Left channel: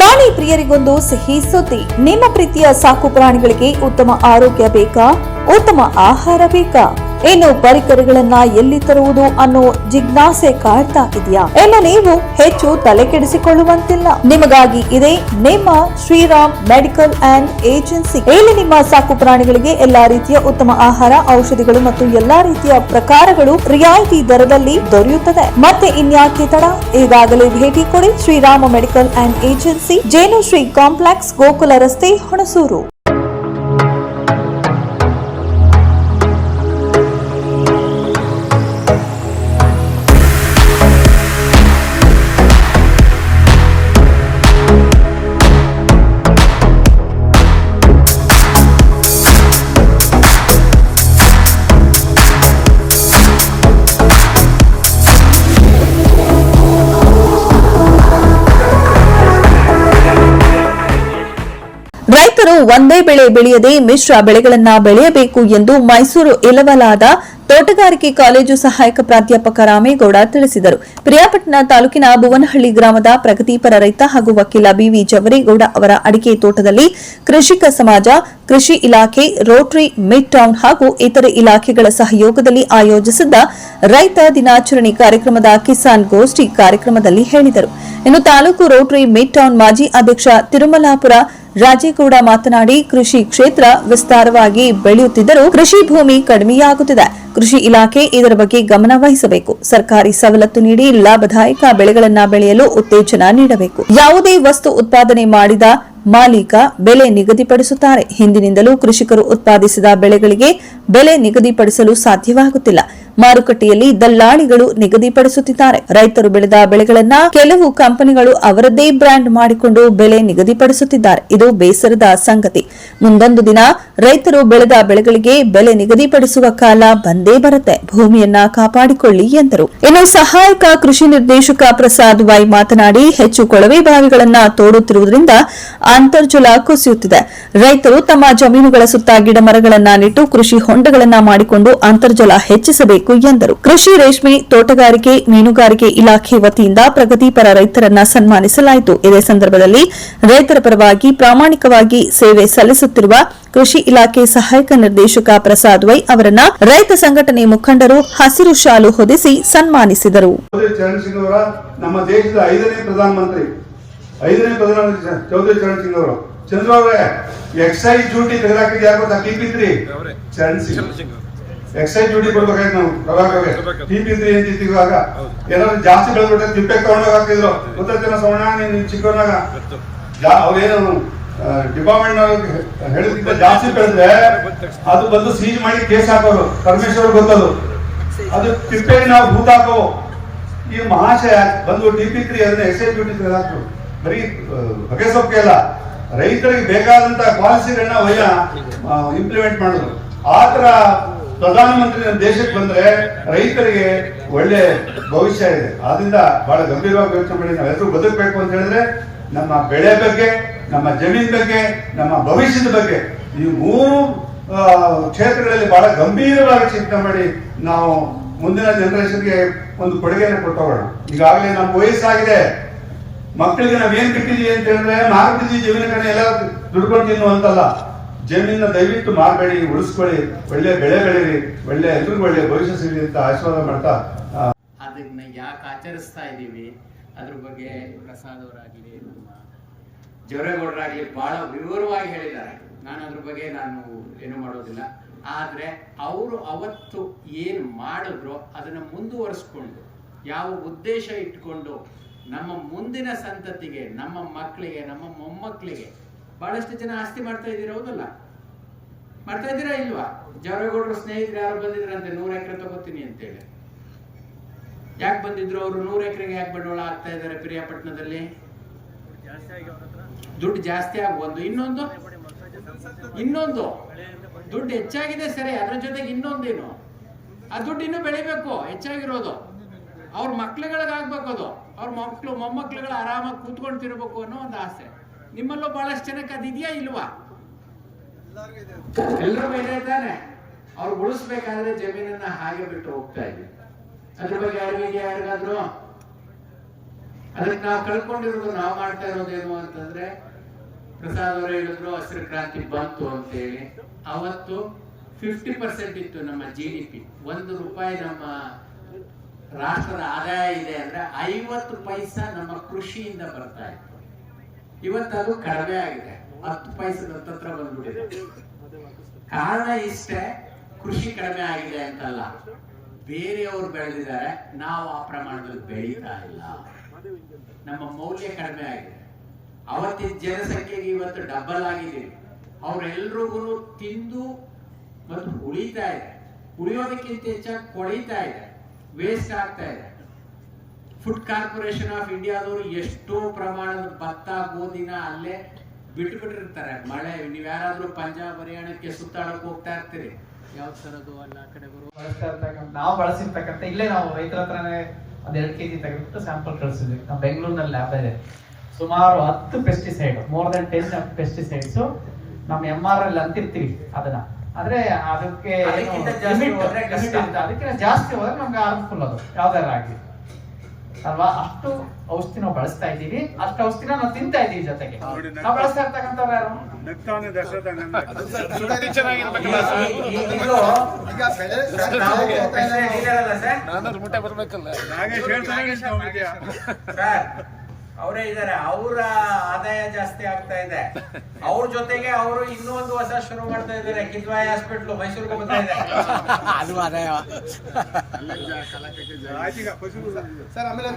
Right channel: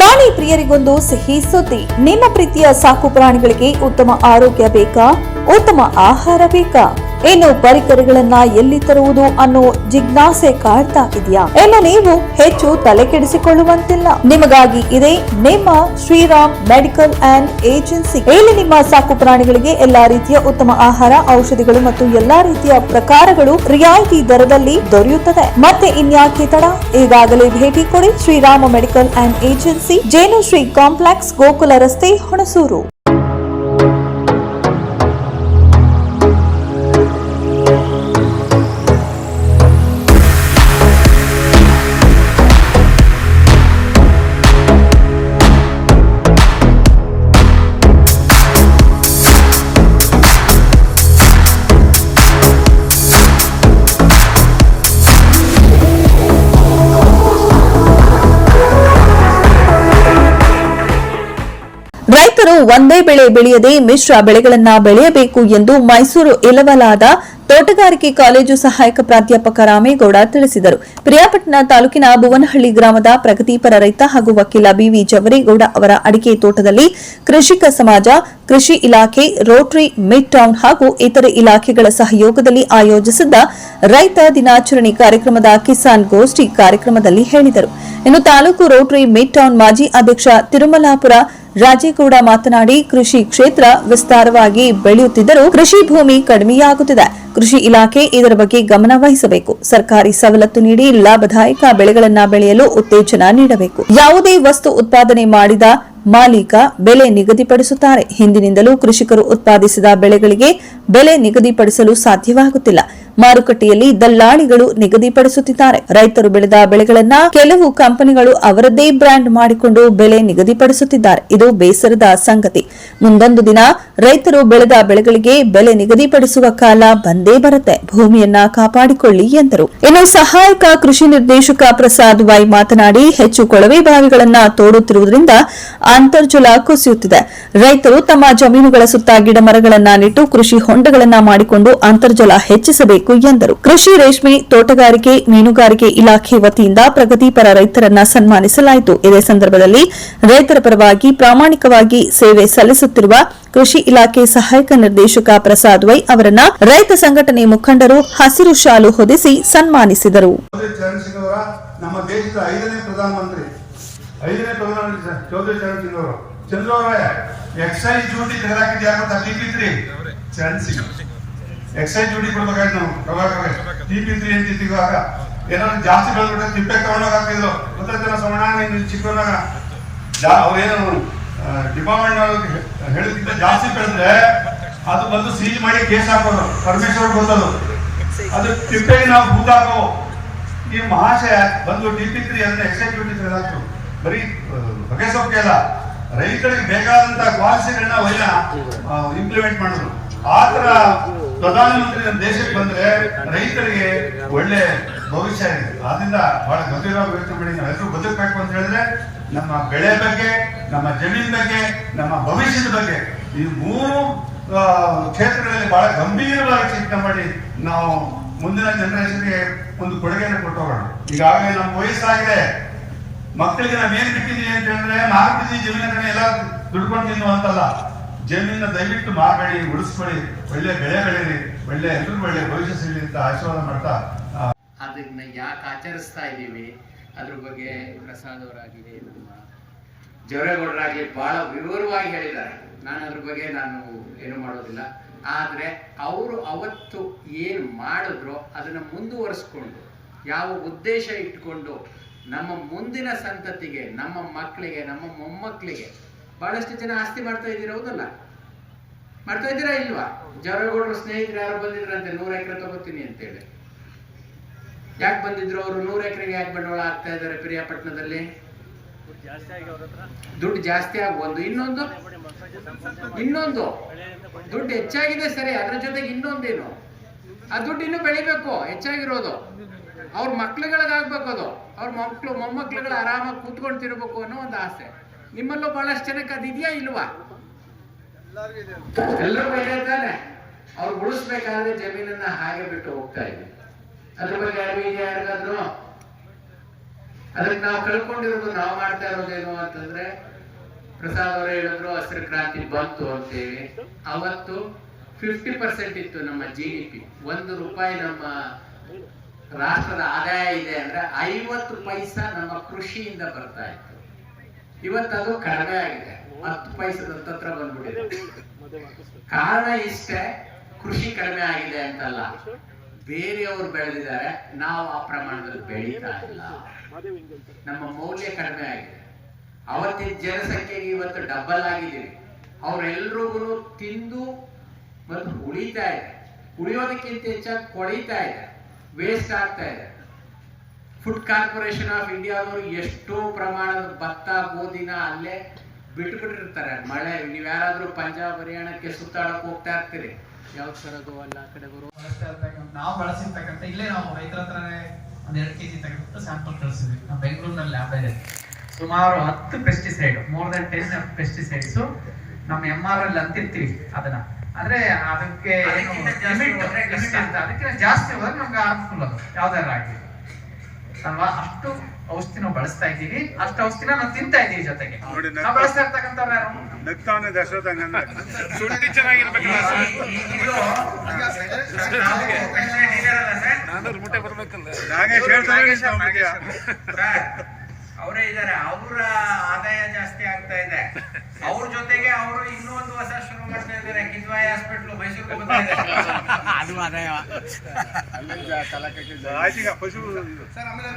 ಪ್ರಾಣಿ ಪ್ರಿಯರಿಗೊಂದು ಸಿಹಿ ಸುದ್ದಿ. ನಿಮ್ಮ ಪ್ರೀತಿಯ ಸಾಕು ಪ್ರಾಣಿಗಳಿಗೆ ಉತ್ತಮ ಆರೋಗ್ಯ ಬೇಕಾ? ಉತ್ತಮ ಆಹಾರ ಬೇಕಾ? ಇನ್ನು ಪರಿಕರಗಳನ್ನ ಎಲ್ಲಿ ತರುವುದು ಅನ್ನೋ ಜಿಜ್ಞಾಸೆ ಕಾಡ್ತಾ ಇದೆಯಾ? ಇನ್ನು ನೀವು ಹೆಚ್ಚು ತಲೆ ಕೆಡಿಸಿಕೊಳ್ಳುವಂತಿಲ್ಲ. ನಿಮಗಾಗಿ ಇದೆ ನಿಮ್ಮ ಶ್ರೀರಾಮ್ ಮೆಡಿಕಲ್ ಅಂಡ್ ಏಜೆನ್ಸಿ. ಇಲ್ಲಿ ನಿಮ್ಮ ಸಾಕು ಪ್ರಾಣಿಗಳಿಗೆ ಎಲ್ಲಾ ರೀತಿಯ ಉತ್ತಮ ಆಹಾರ, ಔಷಧಿಗಳು ಮತ್ತು ಎಲ್ಲಾ ರೀತಿಯ ಪ್ರಕಾರಗಳು ರಿಯಾಯಿತಿ ದರದಲ್ಲಿ ದೊರೆಯುತ್ತದೆ. ಮತ್ತೆ ಇನ್ಯಾಕೆ ತಡ? ಈಗಾಗಲೇ ಭೇಟಿ ಕೊಡಿ ಶ್ರೀರಾಮ ಮೆಡಿಕಲ್ ಅಂಡ್ ಏಜೆನ್ಸಿ, ಜೇನು ಶ್ರೀ ಕಾಂಪ್ಲೆಕ್ಸ್, ಗೋಕುಲ ರಸ್ತೆ, ಹುಣಸೂರು. ರೈತರು ಒಂದೇ ಬೆಳೆ ಬೆಳೆಯದೆ ಮಿಶ್ರ ಬೆಳೆಗಳನ್ನ ಬೆಳೆಯಬೇಕು ಎಂದು ಮೈಸೂರು ಇಲವಲಾದ ತೋಟಗಾರಿಕೆ ಕಾಲೇಜು ಸಹಾಯಕ ಪ್ರಾಧ್ಯಾಪಕ ರಾಮೇಗೌಡ ತಿಳಿಸಿದರು. ಪ್ರಿಯಾಪಟ್ಟಣ ತಾಲೂಕಿನ ಭುವನಹಳ್ಳಿ ಗ್ರಾಮದ ಪ್ರಗತಿಪರ ರೈತ ಹಾಗೂ ವಕೀಲ ಬಿವಿ ಜವರೇಗೌಡ ಅವರ ಅಡಿಕೆ ತೋಟದಲ್ಲಿ ಕೃಷಿಕ ಸಮಾಜ, ಕೃಷಿ ಇಲಾಖೆ, ರೋಟರಿ ಮಿಡ್ ಟೌನ್ ಹಾಗೂ ಇತರೆ ಇಲಾಖೆಗಳ ಸಹಯೋಗದಲ್ಲಿ ಆಯೋಜಿಸಿದ್ದ ರೈತ ದಿನಾಚರಣೆ ಕಾರ್ಯಕ್ರಮದ ಕಿಸಾನ್ ಗೋಷ್ಠಿ ಕಾರ್ಯಕ್ರಮದಲ್ಲಿ ಹೇಳಿದರು. ಇನ್ನು ತಾಲೂಕು ರೋಟರಿ ಮಿಡ್ ಟೌನ್ ಮಾಜಿ ಅಧ್ಯಕ್ಷ ತಿರುಮಲಾಪುರ ರಾಜೇಗೌಡ ಮಾತನಾಡಿ, ಕೃಷಿ ಕ್ಷೇತ್ರ ವಿಸ್ತಾರವಾಗಿ ಬೆಳೆಯುತ್ತಿದ್ದರೂ ಕೃಷಿ ಭೂಮಿ ಕಡಿಮೆಯಾಗುತ್ತಿದೆ. ಕೃಷಿ ಇಲಾಖೆ ಇದರ ಬಗ್ಗೆ ಗಮನ ವಹಿಸಬೇಕು. ಸರ್ಕಾರಿ ಸವಲತ್ತು ನೀಡಿ ಲಾಭದಾಯಕ ಬೆಳೆಗಳನ್ನು ಬೆಳೆಯಲು ಉತ್ತೇಜನ ನೀಡಬೇಕು. ಯಾವುದೇ ವಸ್ತು ಉತ್ಪಾದನೆ ಮಾಡಿದ ಮಾಲೀಕ ಬೆಲೆ ನಿಗದಿಪಡಿಸುತ್ತಾರೆ. ಹಿಂದಿನಿಂದಲೂ ಕೃಷಿಕರು ಉತ್ಪಾದಿಸಿದ ಬೆಳೆಗಳಿಗೆ ಬೆಲೆ ನಿಗದಿಪಡಿಸಲು ಸಾಧ್ಯವಾಗುತ್ತಿಲ್ಲ. ಮಾರುಕಟ್ಟೆಯಲ್ಲಿ ದಲ್ಲಾಳಿಗಳು ನಿಗದಿಪಡಿಸುತ್ತಿದ್ದಾರೆ. ರೈತರು ಬೆಳೆದ ಬೆಳೆಗಳನ್ನ ಕೆಲವು ಕಂಪನಿಗಳು ಅವರದ್ದೇ ಬ್ರ್ಯಾಂಡ್ ಮಾಡಿಕೊಂಡು ಬೆಲೆ ನಿಗದಿಪಡಿಸುತ್ತಿದ್ದಾರೆ. ಇದು ಬೇಸರದ ಸಂಗತಿ. ಮುಂದೊಂದು ದಿನ ರೈತರು ಬೆಳೆದ ಬೆಳೆಗಳಿಗೆ ಬೆಲೆ ನಿಗದಿಪಡಿಸುವ ಕಾಲ ಬಂದೇ ಬರುತ್ತೆ. ಭೂಮಿಯನ್ನ ಕಾಪಾಡಿಕೊಳ್ಳಿ ಎಂದರು. ಇನ್ನು ಸಹಾಯಕ ಕೃಷಿ ನಿರ್ದೇಶಕ ಪ್ರಸಾದ್ ವೈ ಮಾತನಾಡಿ, ಹೆಚ್ಚು ಕೊಳವೆ ಬಾವಿಗಳನ್ನ ತೋಡುತ್ತಿರುವುದರಿಂದ ಅಂತರ್ಜಲ ಕುಸಿಯುತ್ತಿದೆ. ರೈತರು ತಮ್ಮ ಜಮೀನುಗಳ ಸುತ್ತ ಗಿಡ ಮರಗಳನ್ನ ನೆಟ್ಟು ಕೃಷಿ ಹೊಂಡಗಳನ್ನ ಮಾಡಿಕೊಂಡು ಅಂತರ್ಜಲ ಹೆಚ್ಚಿಸಬೇಕು ಎಂದರು. ಕೃಷಿ, ರೇಷ್ಮೆ, ತೋಟಗಾರಿಕೆ, ಮೀನುಗಾರಿಕೆ ಇಲಾಖೆ ವತಿಯಿಂದ ಪ್ರಗತಿಪರ ರೈತರನ್ನ ಸನ್ಮಾನಿಸಲಾಯಿತು. ಇದೇ ಸಂದರ್ಭದಲ್ಲಿ ರೈತರ ಪರವಾಗಿ ಪ್ರಾಮಾಣಿಕವಾಗಿ ಸೇವೆ ಸಲ್ಲಿಸುತ್ತಿರುವ ಕೃಷಿ ಇಲಾಖೆ ಸಹಾಯಕ ನಿರ್ದೇಶಕ ಪ್ರಸಾದ್ ವೈ ಅವರನ್ನ ರೈತ ಸಂಘಟನೆ ಮುಖಂಡರು ಹಸಿರು ಶಾಲು ಹೊದಿಸಿ ಸನ್ಮಾನಿಸಿದರು. ನಮ್ಮ ದೇಶದ 5ನೇ ಪ್ರಧಾನಮಂತ್ರಿ ಚೌಧರಿ ಚರಣ್ ಸಿಂಗ್ ಅವರು ಚಂದ್ರವರೇ ಎಕ್ಸೈಸ್ ಡ್ಯೂಟಿ ತೆಗೆದಾಕಿದ್ಯಾರು ಟಿಪಿ3 ಚರಣ್ ಸಿಂಗ್ ಎಕ್ಸೈಸ್ ಡ್ಯೂಟಿ ಕೊಡ್ಬೇಕಾಯ್ತು. ನಾವು ಅವಾಗ ಟಿಪಿ3 ಅಂತಿದ್ದಾಗ ಏನಾದ್ರು ಜಾಸ್ತಿ ಬೆಳೆದ್ಬಿಟ್ರೆ ತಿಪ್ಪೆ ತಗೊಂಡೋಗಿ ಹಾಕಿದ್ರು. ಗೊತ್ತಾಯ್ತಲ್ಲ ಸವಣ, ನೀನು ಚಿಕ್ಕವನಾಗ ಅವ್ರೇನು ಡಿಪಾರ್ಟ್ಮೆಂಟ್ ಹೇಳಿದ್ಕಿಂತ ಜಾಸ್ತಿ ಬೆಳೆದ್ರೆ ಅದು ಬಂದು ಸೀಜ್ ಮಾಡಿ ಕೇಸ್ ಹಾಕೋದು. ಪರಮೇಶ್ವರ್ ಗೊತ್ತದು. ಅದು ತಿಪ್ಪೆಗೆ ನಾವು ಭೂತ ಹಾಕೋ ಈ ಮಹಾಶಯ ಬಂದು ಟಿಪಿ3 ಅದನ್ನ ಎಕ್ಸೈಸ್ ಡ್ಯೂಟಿ ತೆಗೆದಾಕ್ತು. ಬರೀ ಬಗೆ ಸೊಕ್ಕೆ ಅಲ್ಲ, ರೈತರಿಗೆ ಬೇಕಾದಂತ ಪಾಲಿಸಿಗಳನ್ನ ಇಂಪ್ಲಿಮೆಂಟ್ ಮಾಡೋದು. ಆತರ ಪ್ರಧಾನಮಂತ್ರಿ ನಮ್ಮ ದೇಶಕ್ಕೆ ಬಂದ್ರೆ ರೈತರಿಗೆ ಒಳ್ಳೆ ಭವಿಷ್ಯ ಇದೆ. ಆದ್ರಿಂದ ಬಹಳ ಗಂಭೀರವಾಗಿ ಯೋಚನೆ ಮಾಡಿ ನಾವೆಲ್ಲರೂ ಬದುಕಬೇಕು ಅಂತ ಹೇಳಿದ್ರೆ ನಮ್ಮ ಬೆಳೆ ಬಗ್ಗೆ, ನಮ್ಮ ಜಮೀನ್ ಬಗ್ಗೆ, ನಮ್ಮ ಭವಿಷ್ಯದ ಬಗ್ಗೆ ಈ 3 ಕ್ಷೇತ್ರಗಳಲ್ಲಿ ಬಹಳ ಗಂಭೀರವಾಗಿ ಚಿಂತನೆ ಮಾಡಿ ನಾವು ಮುಂದಿನ ಜನರೇಷನ್ಗೆ ಒಂದು ಕೊಡುಗೆಯನ್ನು ಕೊಟ್ಟೋಗೋಣ. ಈಗಾಗಲೇ ನಮ್ಮ ವಯಸ್ಸಾಗಿದೆ. ಮಕ್ಕಳಿಗೆ ನಾವೇನ್ ಬಿಟ್ಟಿದೀವಿ ಅಂತ ಹೇಳಿದ್ರೆ 4 ಕೆಜಿ ಜಮೀನ ಕಡೆ ಎಲ್ಲ ದುಡ್ಕೊಂಡು ತಿನ್ನುವಂತಲ್ಲ. ಜಮೀನ ದಯವಿಟ್ಟು ಮಾರ್ಬೇಡಿ, ಉಳಿಸ್ಕೊಳ್ಳಿ, ಒಳ್ಳೆ ಬೆಳೆ ಬೆಳೀರಿ, ಒಳ್ಳೆ ಎಲ್ರಿಗೂ ಒಳ್ಳೆ ಭವಿಷ್ಯ ಸಿಗಲಿ ಅಂತ ಆಶೀರ್ವಾದ ಮಾಡ್ತಾ ಅದನ್ನ ಯಾಕೆ ಆಚರಿಸ್ತಾ ಇದ್ದೀವಿ ಅದ್ರ ಬಗ್ಗೆ ಪ್ರಸಾದ್ ಅವರಾಗಲಿ ನಮ್ಮ ಜವರೇಗೌಡರಾಗಲಿ ಬಹಳ ವಿವರವಾಗಿ ಹೇಳಿದ್ದಾರೆ. ನಾನು ಅದ್ರ ಬಗ್ಗೆ ಏನು ಮಾಡೋದಿಲ್ಲ. ಆದ್ರೆ ಅವರು ಅವತ್ತು ಏನು ಮಾಡಿದ್ರು ಅದನ್ನ ಮುಂದುವರಿಸ್ಕೊಂಡು ಯಾವ ಉದ್ದೇಶ ಇಟ್ಕೊಂಡು ನಮ್ಮ ಮುಂದಿನ ಸಂತತಿಗೆ, ನಮ್ಮ ಮಕ್ಕಳಿಗೆ, ನಮ್ಮ ಮೊಮ್ಮಕ್ಕಳಿಗೆ ಬಹಳಷ್ಟು ಜನ ಆಸ್ತಿ ಮಾಡ್ತಾ ಇದ್ದೀರಾ, ಹೌದಲ್ಲ? ಮಾಡ್ತಾ ಇದ್ದೀರಾ ಇಲ್ವಾ? ಜವರೇಗೌಡರು ಸ್ನೇಹಿತರು ಯಾರು ಬಂದಿದ್ರಂತೆ 100 ಎಕರೆ ತಗೋತೀನಿ ಅಂತೇಳಿ. ಯಾಕೆ ಬಂದಿದ್ರು ಅವರು? 100 ಎಕರೆಗೆ ಯಾಕೆ ಬಂಡವಾಳ ಆಗ್ತಾ ಇದ್ದಾರೆ? ಪ್ರಿಯಾಪಟ್ಟಣದಲ್ಲಿ ದುಡ್ಡು ಜಾಸ್ತಿ ಆಗ ಒಂದು, ಇನ್ನೊಂದು ದುಡ್ಡು ಹೆಚ್ಚಾಗಿದೆ ಸರಿ, ಅದ್ರ ಜೊತೆಗೆ ಇನ್ನೊಂದೇನು, ಆ ದುಡ್ಡು ಇನ್ನೂ ಬೆಳಿಬೇಕು, ಹೆಚ್ಚಾಗಿರೋದು ಅವ್ರ ಮಕ್ಳುಗಳಿಗಾಗ್ಬೇಕು, ಅದು ಅವ್ರ ಮೊಮ್ಮಕ್ಳುಗಳು ಆರಾಮಾಗಿ ಕೂತ್ಕೊಂಡು ತಿರ್ಬೇಕು ಅನ್ನೋ ಒಂದು ಆಸೆ. ನಿಮ್ಮಲ್ಲೂ ಬಹಳಷ್ಟು ಜನಕ್ಕೆ ಅದಿದೆಯಾ ಇಲ್ವಾ? ಎಲ್ಲರೂ ಹೇಳ್ತಾನೆ. ಅವ್ರು ಉಳಿಸ್ಬೇಕಾದ್ರೆ ಜಮೀನನ್ನ ಹಾಗೆ ಬಿಟ್ಟು ಹೋಗ್ತಾ ಇದೆ. ಅದ್ರ ಬಗ್ಗೆ ಅರಿವಿಗೆ ಯಾರಿಗಾದ್ರು ಅದಕ್ಕೆ ನಾವು ಕಳ್ಕೊಂಡಿರೋದು, ನಾವು ಮಾಡ್ತಾ ಇರೋದೇನು ಅಂತಂದ್ರೆ, ಪ್ರಸಾದ್ ಅವರೇ ಹೇಳಿದ್ರು ಹಸಿರು ಕ್ರಾಂತಿ ಬಂತು ಅಂತೇಳಿ. ಅವತ್ತು 50% ಇತ್ತು ನಮ್ಮ GDP. 1 ರೂಪಾಯಿ ನಮ್ಮ ರಾಷ್ಟ್ರದ ಆದಾಯ ಇದೆ ಅಂದ್ರೆ 50 ಪೈಸಾ ನಮ್ಮ ಕೃಷಿಯಿಂದ ಬರ್ತಾ ಇತ್ತು. ಇವತ್ತದು ಕಡಿಮೆ ಆಗಿದೆ, 10 ಪೈಸದ ಹತ್ರ ಬಂದ್ಬಿಟ್ಟಿದೆ. ಕಾರಣ ಇಷ್ಟೇ, ಕೃಷಿ ಕಡಿಮೆ ಆಗಿದೆ ಅಂತಲ್ಲ, ಬೇರೆಯವರು ಬೆಳೆದಿದ್ದಾರೆ, ನಾವು ಆ ಪ್ರಮಾಣದಲ್ಲಿ ಬೆಳೀತಾ ಇಲ್ಲ. ನಮ್ಮ ಮೌಲ್ಯ ಕಡಿಮೆ ಆಗಿದೆ. ಅವತ್ತಿನ ಜನಸಂಖ್ಯೆಗೆ ಇವತ್ತು ಡಬಲ್ ಆಗಿದ್ದೀವಿ. ಅವರೆಲ್ರಿಗೂ ತಿಂದು ಮತ್ತು ಉಳಿತಾ ಇದೆ, ಉಳಿಯೋದಕ್ಕಿಂತ ಹೆಚ್ಚಾಗಿ ಕೊಳೀತಾ ಇದೆ, ವೇಸ್ಟ್ ಆಗ್ತಾ ಇದೆ. ಫುಡ್ ಕಾರ್ಪೊರೇಷನ್ ಆಫ್ ಇಂಡಿಯಾದವರು ಎಷ್ಟೋ ಪ್ರಮಾಣದ ಭತ್ತ ಗೋಧಿನ ಅಲ್ಲೇ ಬಿಟ್ಟುಬಿಟ್ಟಿರ್ತಾರೆ. ಮಳೆ, ನೀವು ಯಾರಾದ್ರೂ ಪಂಜಾಬ್ ಹರಿಯಾಣಕ್ಕೆ ಸುತ್ತಾಡಕ್ ಹೋಗ್ತಾ ಇರ್ತೀರಿ, ಯಾವ ತರದು ಅಲ್ಲ ಆ ಕಡೆ ಬರುವ ನಾವು ಬಳಸಿರ್ತಕ್ಕಂಥ, ಇಲ್ಲೇ ನಾವು ರೈತರ ಹತ್ರನೇ 1-2 kg ತೆಗೆದುಬಿಟ್ಟು ಸ್ಯಾಂಪಲ್ ಕಳಿಸಿದ್ವಿ. ನಮ್ಮ ಬೆಂಗಳೂರಿನಲ್ಲಿ ಲ್ಯಾಬ್ ಇದೆ. ಸುಮಾರು 10 ಪೆಸ್ಟಿಸೈಡ್, ಮೋರ್ ದನ್ 10 ಪೆಸ್ಟಿಸೈಡ್ಸ್ ನಮ್ಮ MR ಅಲ್ಲಿ ಅಂತಿರ್ತೀವಿ ಅದನ್ನ. ಆದ್ರೆ ಅದಕ್ಕೆ ಅದಕ್ಕೆ ಜಾಸ್ತಿ ಹೋದ್ರೆ ನಮ್ಗೆ ಹಾರ್ಮ್ಫುಲ್ ಅದು ಯಾವ್ದಾರ ಆಗ್ಲಿ ಅಲ್ವಾ. ಅಷ್ಟು ಔಷಧಿ ನಾವು ಬಳಸ್ತಾ ಇದ್ದೀವಿ, ಅಷ್ಟು ಔಷಧಿನ ನಾವು ತಿಂತಾ ಇದ್ದೀವಿ. ಜೊತೆಗೆ ನಾವು ಬಳಸ್ತಾ ಇರ್ತಕ್ಕಂಥವ್ರು ಯಾರು? ಅವರೇ ಇದ್ದಾರೆ, ಅವರ ಆದಾಯ ಜಾಸ್ತಿ ಆಗ್ತಾ ಇದೆ. ಅವ್ರ ಜೊತೆಗೆ ಅವರು ಇನ್ನೂ ಒಂದು ಹೊಸ ಶುರು ಮಾಡ್ತಾ ಇದ್ದಾರೆ, ಕಿದ್ವಾಯಿ ಹಾಸ್ಪಿಟ್ಲು ಮೈಸೂರಿಗೆ ಬರ್ತಾ ಇದೆ.